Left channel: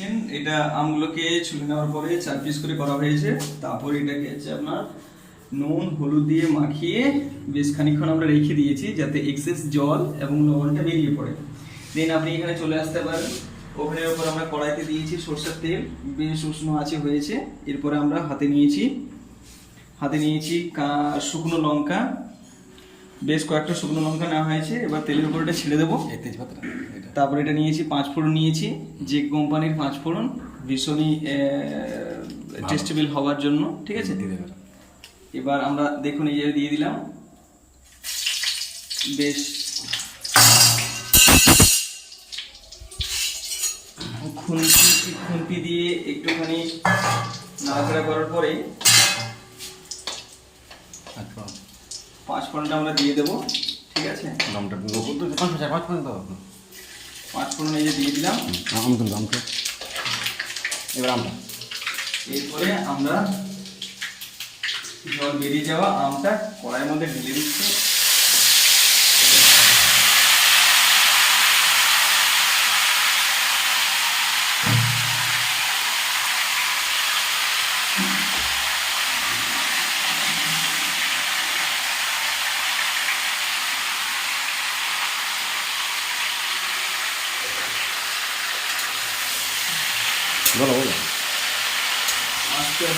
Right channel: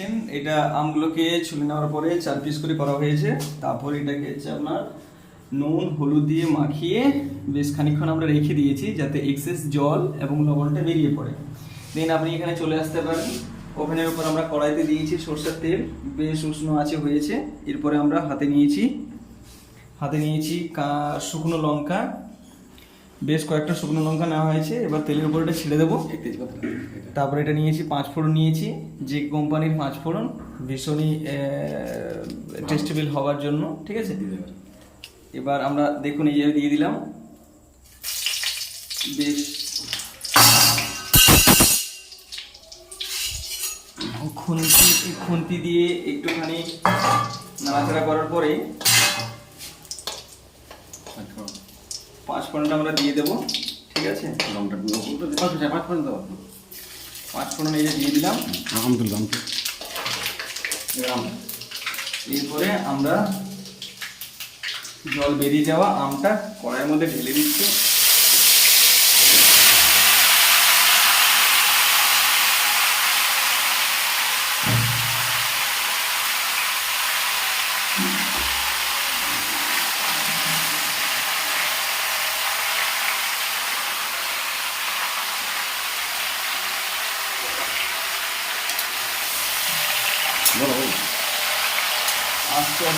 দেখছেন এটা আমগুলোকে ছুলে নেওয়ার পরে 4 পিস করে করা হয়েছে। তারপর এটাকে হচ্ছে আপনার নুন হলুদ দিয়ে মাখিয়ে বেশ খানিকক্ষণ আমরা রেখে দিয়েছি যাতে এক্সেস জল এবং লবণটা বেরিয়ে পড়ে। দেন আপনি এখানে চলে আসতে পারেন। ওভেনের উপর আমরা কড়াইতে দিয়েছি সরষের তেল, বেশ উষ্ণ আছে হয়েছে। এরপরে আমরা হাতে নিয়েছি শুকনো লঙ্কা, বেশ কয়েকটা শুকনো লঙ্কা নেওয়া হয়েছে। এবার তেলের উপর এটা ছেড়ে দেবো। তারপরে এটা নিয়েছি 5 ফোড়ন নিয়েছি, যে কোম্পানির 5 ফোড়ন ভীষণই টেস্টেবল হওয়ার জন্য, ঠিক আছে। এবার আমরা দেখুন এই যে দিয়ে দিলাম, বেশ খুন্তি দিয়ে একটুখানি নাড়াচাড়া করার পরে 5 ফোড়নটা আমরা দিয়ে দেবো, ঠিক আছে। 5 ফোড়ন এই যে দিয়ে দিলাম। এরপরে আমরা জল বেরিয়ে যাওয়া আমটা কড়াইয়ের মধ্যে ঢেলে দিচ্ছি। আস্তে